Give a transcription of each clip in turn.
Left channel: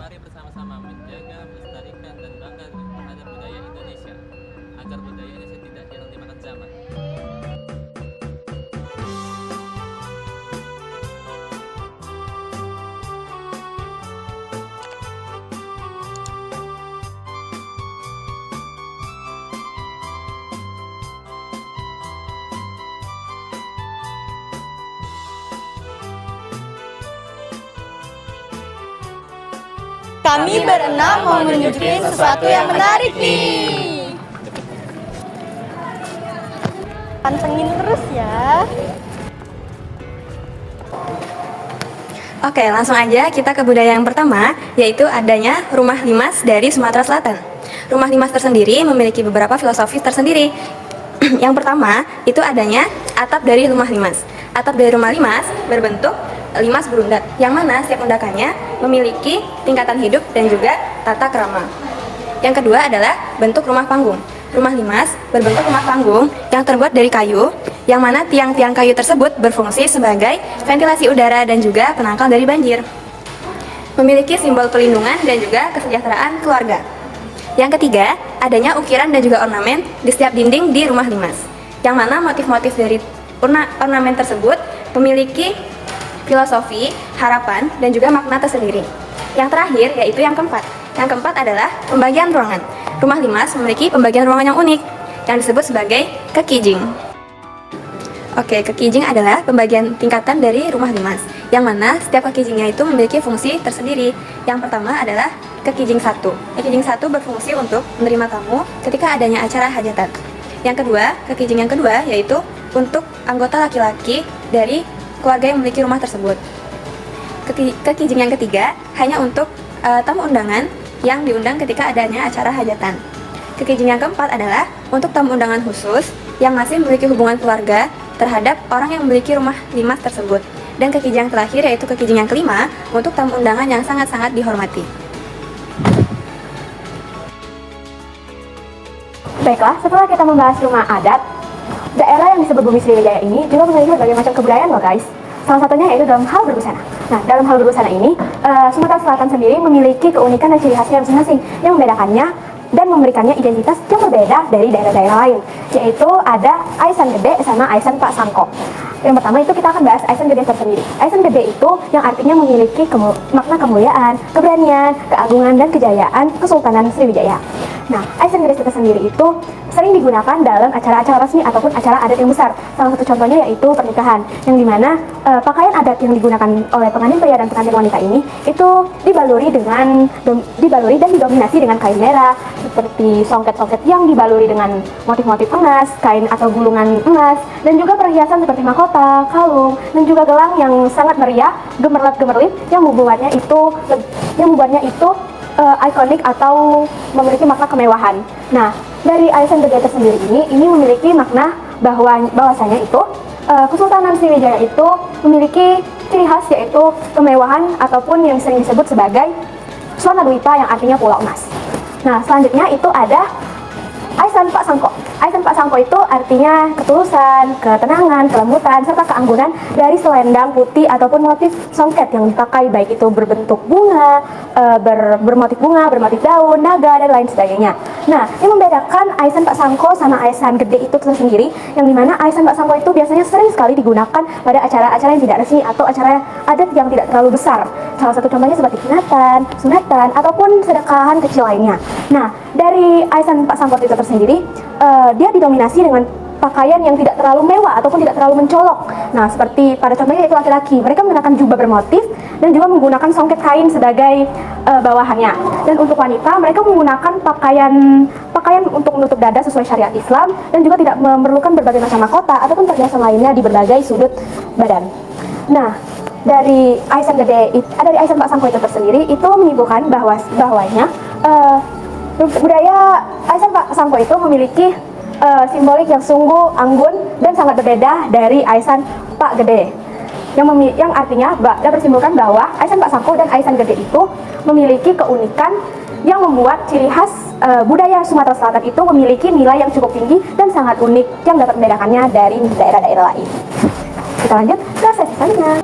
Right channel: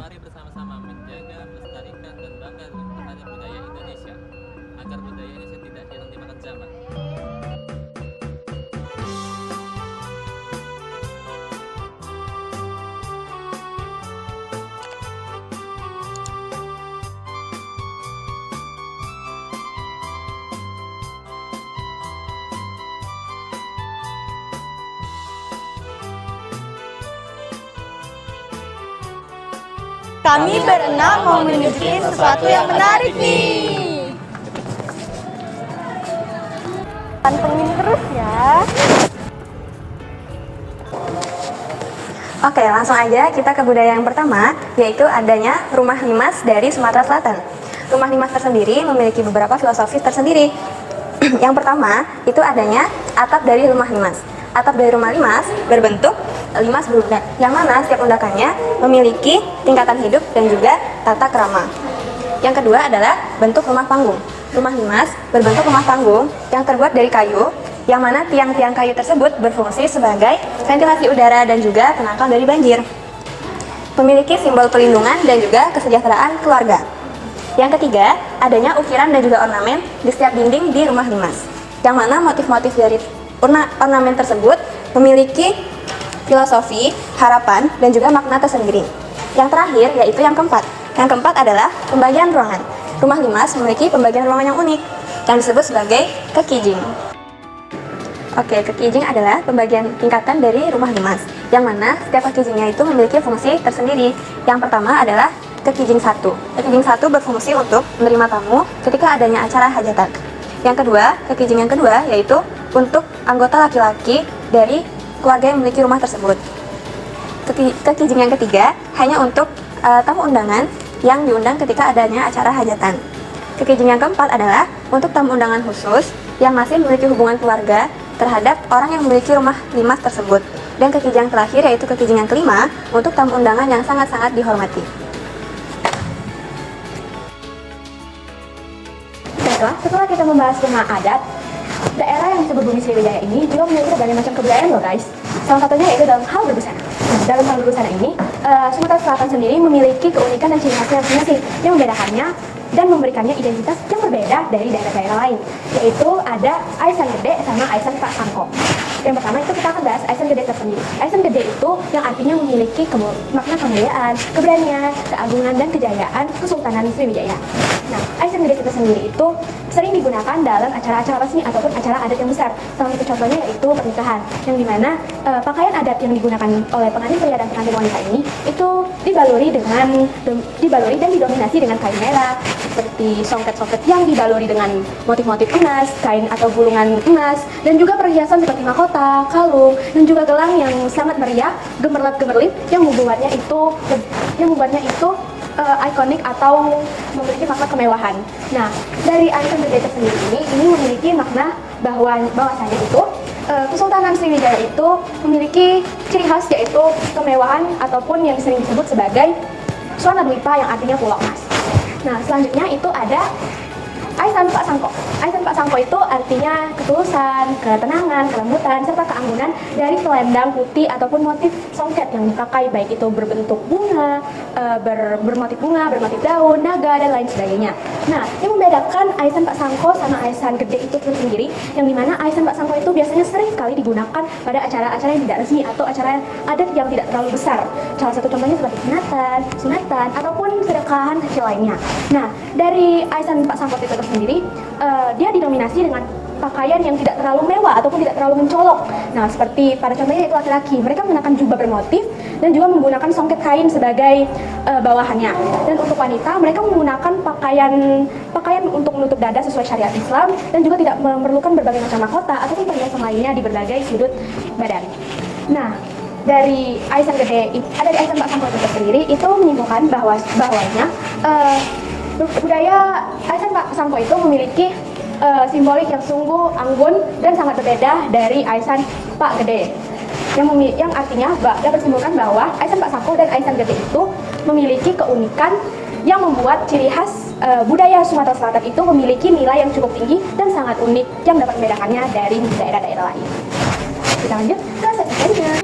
Mari bersama-sama menjaga, melestarikan, dan bangga terhadap budaya Indonesia, agar budaya Indonesia tidak hilang dimakan zaman. Kami berenam mau menunjukin sesuatu yang menarik nih. Pantengin terus ya. Oke, langsung aja kita ke budaya yang pertama, yaitu adanya rumah limas dari Sumatera Selatan. Rumah limas tersendiri memiliki beberapa filosofi tersendiri. Yang pertama, itu adanya atap dari rumah limas. Atap dari rumah limas berbentuk limas berudak, yang mana setiap undakannya memiliki tingkatan hidup dan juga tata krama. Yang kedua adalah bentuk rumah panggung. Rumah limas berbentuk rumah panggung yang terbuat dari kayu, yang mana tiang-tiang kayu tersebut berfungsi sebagai ventilasi udara dan juga penangkal dari banjir. Memiliki simbol pelindungan dan juga kesejahteraan keluarga. Yang ketiga, adanya ukiran dan juga ornamen di setiap dinding di rumah limas, yang mana motif-motif dari ornamen tersebut memiliki filosofi, harapan, dan juga makna tersendiri. Yang terakhir yaitu yang keempat. Yang keempat adalah pembagian ruangan. Rumah limas memiliki pembagian ruangan yang unik yang disebut sebagai kekijing. Oke, kekijing adalah pembagian tingkatan dari rumah limas, yang mana setiap kekijingnya itu memiliki fungsi tersendiri. Yang pertama adalah kekijing 1. Kekijing 1 berfungsi untuk menerima tamu ketika adanya acara hajatan. Yang kedua, kekijing yang kedua yaitu untuk anggota laki-laki dari keluarga yang memiliki rumah tersebut. Kekijing yang ketiga hanya untuk tamu undangan yang diundang ketika adanya acara hajatan. Kekijing yang keempat adalah untuk tamu undangan khusus yang masih memiliki hubungan keluarga terhadap orang yang memiliki rumah limas tersebut. Dan kekijing yang terakhir yaitu kekijing yang kelima untuk tamu undangan yang sangat-sangat dihormati. Baiklah, setelah kita membahas rumah adat, daerah yang disebut Bumi Sriwijaya ini juga memiliki berbagai macam kebudayaan loh guys. Salah satunya yaitu dalam hal berbusana. Nah, dalam hal berbusana ini, Sumatera Selatan sendiri memiliki keunikan dan ciri khasnya masing-masing yang membedakannya dan memberikannya identitas yang berbeda dari daerah-daerah lain, yaitu ada Aisan Gede sama Aisan Pak Sangko. Yang pertama itu kita akan bahas Aisan Gede tersendiri. Aisan Gede itu yang artinya memiliki makna kemuliaan, keberanian, keagungan, dan kejayaan Kesultanan Sriwijaya. Nah, Aisan Gede itu sendiri itu sering digunakan dalam acara-acara resmi ataupun acara adat yang besar. Salah satu contohnya yaitu pernikahan, yang dimana pakaian adat yang digunakan oleh pengantin pria dan pengantin wanita ini itu dibaluri dan didominasi dengan kain merah, seperti songket-songket yang dibaluri dengan motif-motif emas, kain atau bulungan emas, dan juga perhiasan seperti mahkota, kalung, dan juga gelang yang sangat meriah, gemerlap-gemerlip yang membuatnya itu ikonik atau memiliki makna kemewahan. Nah, dari Aisan Gede sendiri ini memiliki makna bahwasanya itu Kesultanan Sriwijaya itu memiliki ciri khas yaitu kemewahan ataupun yang sering disebut sebagai Suana Dwipa yang artinya pulau emas. Nah, selanjutnya itu ada Aisan Pak Sangko. Aisan Pak Sangko itu artinya ketulusan, ketenangan, kelembutan, serta keanggunan dari selendang putih ataupun motif songket yang dipakai, baik itu berbentuk bunga, bermotif bunga, bermotif daun, naga, dan lain sebagainya. Nah, ini membedakan Aisan Pak Sangko sama Aisan Gede itu tersendiri, yang dimana Aisan Pak Sangko itu biasanya sering sekali digunakan pada acara-acara yang tidak resmi atau acara adat yang tidak terlalu besar. Salah satu contohnya seperti sunatan, ataupun sedekahan kecil lainnya. Nah, dari Aisan Pak Sangko itu tersendiri, dia didominasi dengan pakaian yang tidak terlalu mewah ataupun tidak terlalu mencolok. Nah, seperti pada contohnya yaitu laki-laki, mereka menggunakan jubah bermotif dan juga menggunakan songket kain sebagai bawahannya. Dan untuk wanita, mereka menggunakan pakaian untuk menutup dada sesuai syariat Islam dan juga tidak memerlukan berbagai macam mahkota ataupun perhiasan lainnya di berbagai sudut badan. Nah, dari Aisan Pak Sangko itu tersendiri itu menyimpulkan bahwanya budaya Aisan Pak Sangko itu memiliki simbolik yang sungguh anggun dan sangat berbeda dari Aisan Pak Gede, yang artinya dapat disimpulkan bahwa Aisan Pak Sangko dan Aisan Gede itu memiliki keunikan yang membuat ciri khas budaya Sumatera Selatan itu memiliki nilai yang cukup tinggi dan sangat unik yang dapat membedakannya dari daerah-daerah lain. Kita lanjut ke sesi selanjutnya.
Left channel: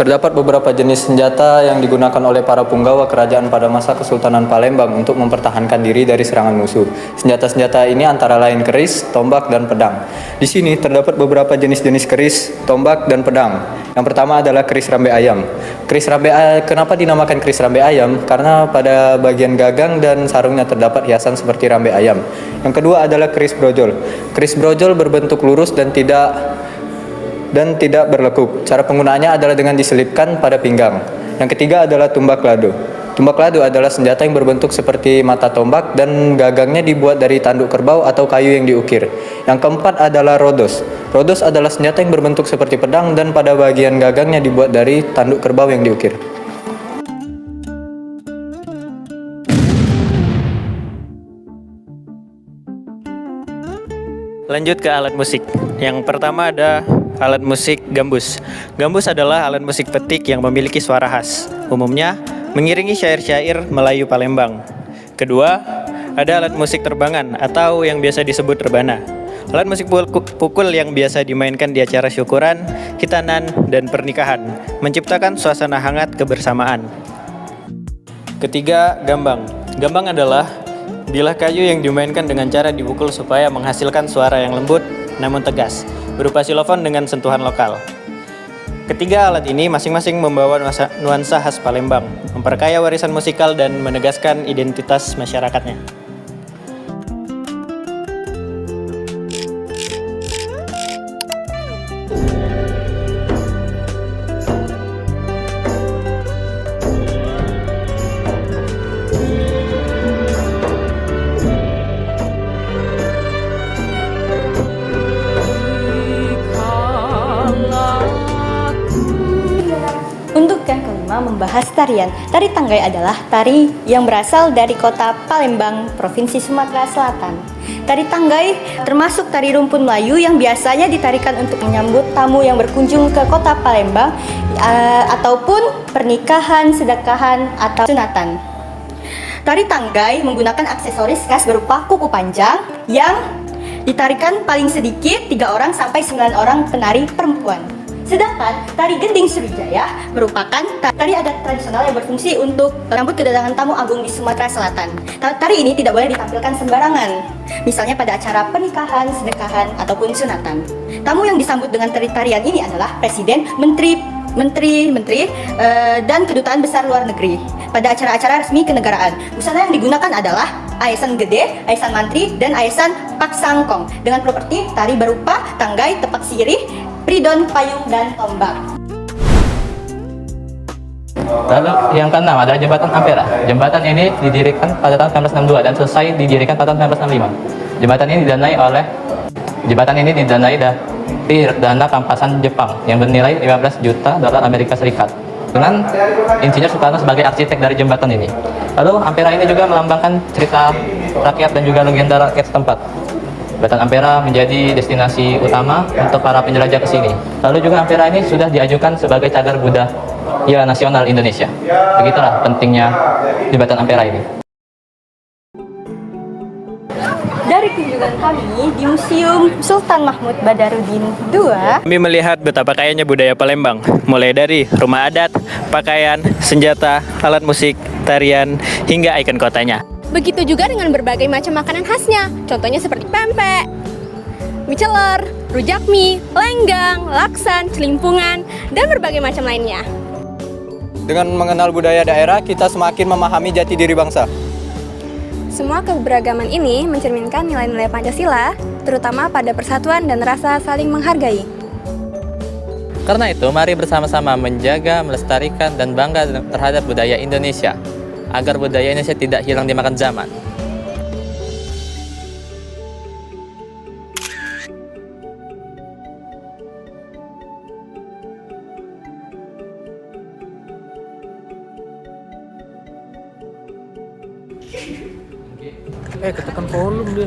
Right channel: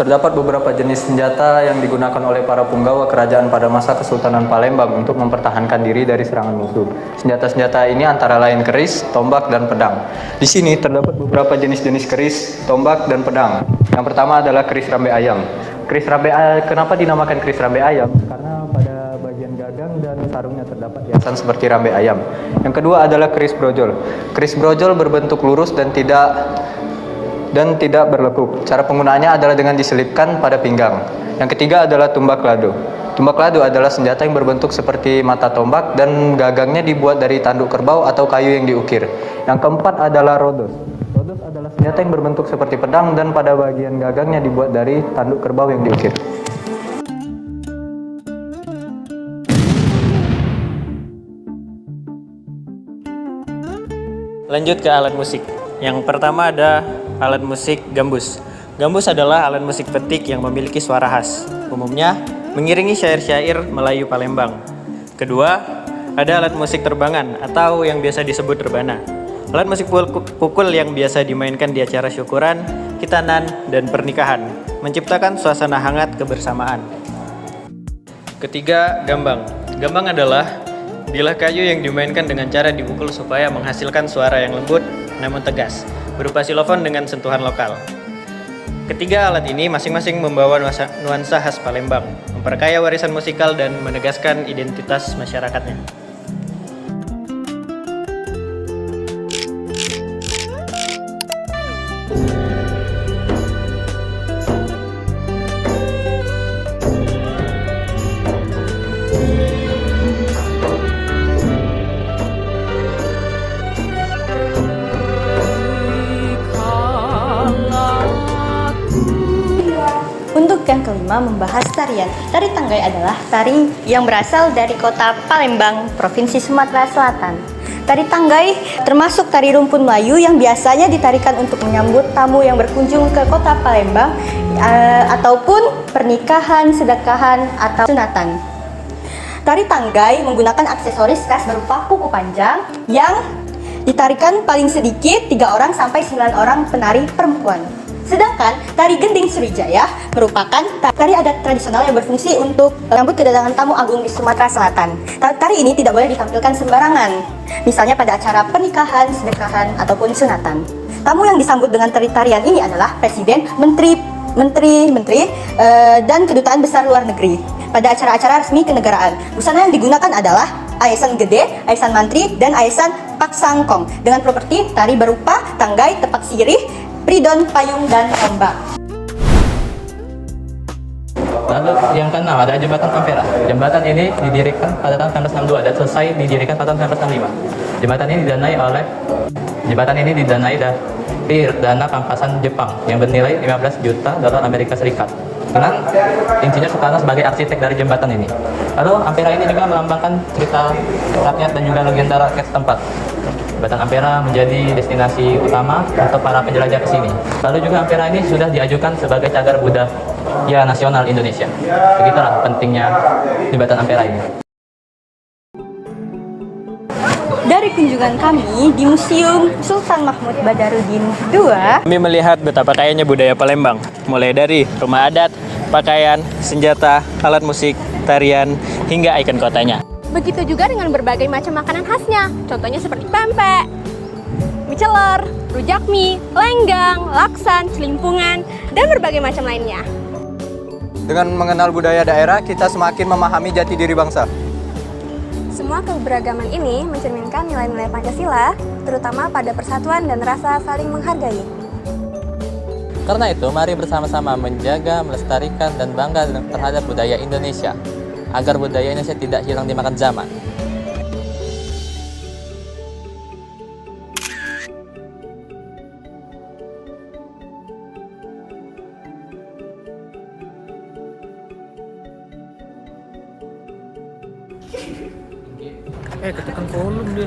Terdapat beberapa jenis senjata yang digunakan oleh para punggawa kerajaan pada masa Kesultanan Palembang untuk mempertahankan diri dari serangan musuh. Senjata-senjata ini antara lain keris, tombak, dan pedang. Di sini terdapat beberapa jenis-jenis keris, tombak, dan pedang. Yang pertama adalah keris rambe ayam. Kenapa dinamakan keris rambe ayam? Karena pada bagian gagang dan sarungnya terdapat hiasan seperti rambe ayam. Yang kedua adalah keris brojol. Keris brojol berbentuk lurus dan tidak berlekuk. Cara penggunaannya adalah dengan diselipkan pada pinggang. Yang ketiga adalah tumbak lado. Tumbak lado adalah senjata yang berbentuk seperti mata tombak dan gagangnya dibuat dari tanduk kerbau atau kayu yang diukir. Yang keempat adalah rodos. Rodos adalah senjata yang berbentuk seperti pedang dan pada bagian gagangnya dibuat dari tanduk kerbau yang diukir. Lanjut ke alat musik. Yang pertama ada alat musik gambus. Gambus adalah alat musik petik yang memiliki suara khas. Umumnya mengiringi syair-syair Melayu Palembang. Kedua, ada alat musik terbangan atau yang biasa disebut rebana. Alat musik pukul yang biasa dimainkan di acara syukuran, khitanan, dan pernikahan, menciptakan suasana hangat kebersamaan. Ketiga, gambang. Gambang adalah bilah kayu yang dimainkan dengan cara dipukul supaya menghasilkan suara yang lembut namun tegas, berupa xilofon dengan sentuhan lokal. Ketiga alat ini masing-masing membawa nuansa khas Palembang, memperkaya warisan musikal dan menegaskan identitas masyarakatnya. Untuk yang kelima membahas tarian. Tari Tanggai adalah tari yang berasal dari kota Palembang, Provinsi Sumatera Selatan. Tari Tanggai termasuk tari rumpun Melayu yang biasanya ditarikan untuk menyambut tamu yang berkunjung ke kota Palembang ataupun pernikahan, sedekahan, atau sunatan. Tari Tanggai menggunakan aksesoris khas berupa kuku panjang yang ditarikan paling sedikit 3 orang sampai 9 orang penari perempuan. Sedangkan tari gending Sriwijaya merupakan tari adat tradisional yang berfungsi untuk menyambut kedatangan tamu agung di Sumatera Selatan. Tari ini tidak boleh ditampilkan sembarangan, misalnya pada acara pernikahan, sedekahan, ataupun sunatan. Tamu yang disambut dengan tarian ini adalah presiden, menteri, dan kedutaan besar luar negeri pada acara-acara resmi kenegaraan. Busana yang digunakan adalah aesan gede, aesan mantri, dan aesan paksangkong dengan properti tari berupa tanggai, tepak sirih, pridon, payung, dan ombak. Lalu yang keenam ada jembatan Ampera. Jembatan ini didirikan pada tahun 1962 dan selesai didirikan pada tahun 1965. Jembatan ini didanai dari dana rampasan Jepang yang bernilai 15 juta dolar Amerika Serikat. Dengan Insinyur Soekarno sebagai arsitek dari jembatan ini. Lalu Ampera ini juga melambangkan cerita rakyat dan juga legenda rakyat setempat. Jembatan Ampera menjadi destinasi utama untuk para penjelajah ke sini. Lalu juga Ampera ini sudah diajukan sebagai cagar budaya nasional Indonesia. Begitulah pentingnya Jembatan Ampera ini. Dari kunjungan kami di Museum Sultan Mahmud Badarudin II, Kami melihat betapa kayanya budaya Palembang, mulai dari rumah adat, pakaian, senjata, alat musik, tarian, hingga ikon kotanya. Begitu juga dengan berbagai macam makanan khasnya, contohnya seperti pempek, mie celor, rujak mie, lenggang, laksan, celimpungan, dan berbagai macam lainnya. Dengan mengenal budaya daerah, kita semakin memahami jati diri bangsa. Semua keberagaman ini mencerminkan nilai-nilai Pancasila, terutama pada persatuan dan rasa saling menghargai. Karena itu, mari bersama-sama menjaga, melestarikan, dan bangga terhadap budaya Indonesia, agar budaya Indonesia tidak hilang dimakan zaman. Ketekan volume dia.